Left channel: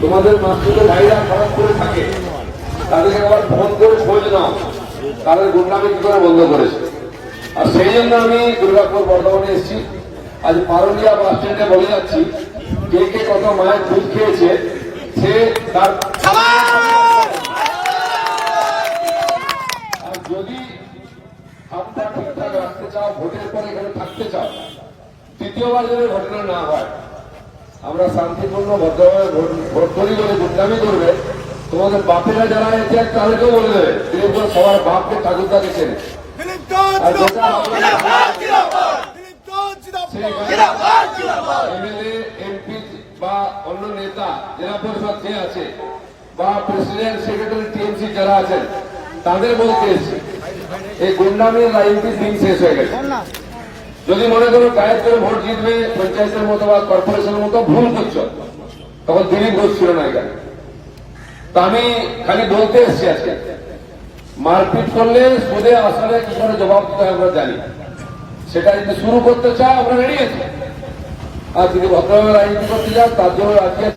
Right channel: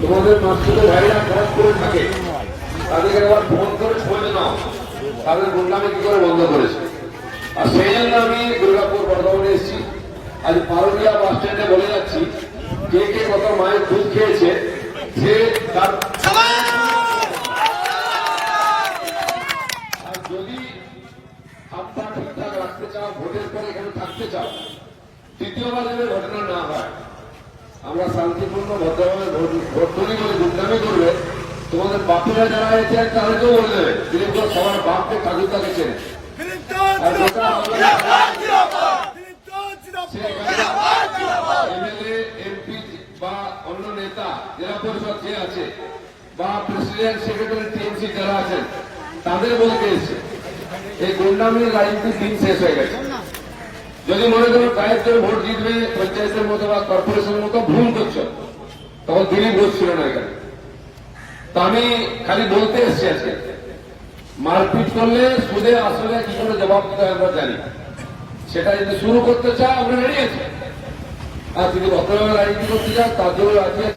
তোমাদের মাসুদ ভাইরা খরচ করে থাকে, তাদেরকে একবার ফোন করে খোঁজ নাও। তাদের গুন্ডামি কি করে বন্ধ করেছে? আর সেই জন্য আমি দুর্গাপুর বর্ধমানে এসেছি। আজ পারুলিয়া বাস স্ট্যান্ডে বলে যাচ্ছি, কে কে কত মায়ের দুধ খেয়েছে, সে তার আর যদি হাতটা ঠিকঠাক রাখতে চাও, ভোটের পরে এখানে থাকতে চাও দ্বিতীয়বার যেন ঘটনা না হয় আমরা শান্তিপূর্ণ ভদ্রভাবে ভোট করি যদি গুন্ডামি করবে তোমাদের বাপেরা যারা হয়েছে তাদেরকেও বলবে তিনি তো সবার বাপকে দিচ্ছেন যেটা এমএলএ এমপি বা অন্য নেতা জেলা পরিষদ যে আছে বা প্রেসিডেন্ট সেক্রেটারি টিএমসি যারা আছেন তাদের বলতে এসছে। এই গুন্ডামের রাজনীতি দিন শেষ হয়ে গেছে। যদি মনে করো গায়ের ভোট জিতবে, পঞ্চায়েতের মতো বা কর্পোরেশনের মতো, ভুল করছ, তখন দিলীপ ঘোষ ছিল না এখানে। তা আমি খালি বলতে এসছি আজকে। মারপিট করলে সুদে আসলে কি করে জবাব দিতে হয় আমরা জানি সেটা যদি শুরু করতে চাও, আমরা রেডি আছি। আর যদি ভদ্রভাবে রাজনীতি করতে চাও, তার জন্য রাজ্যের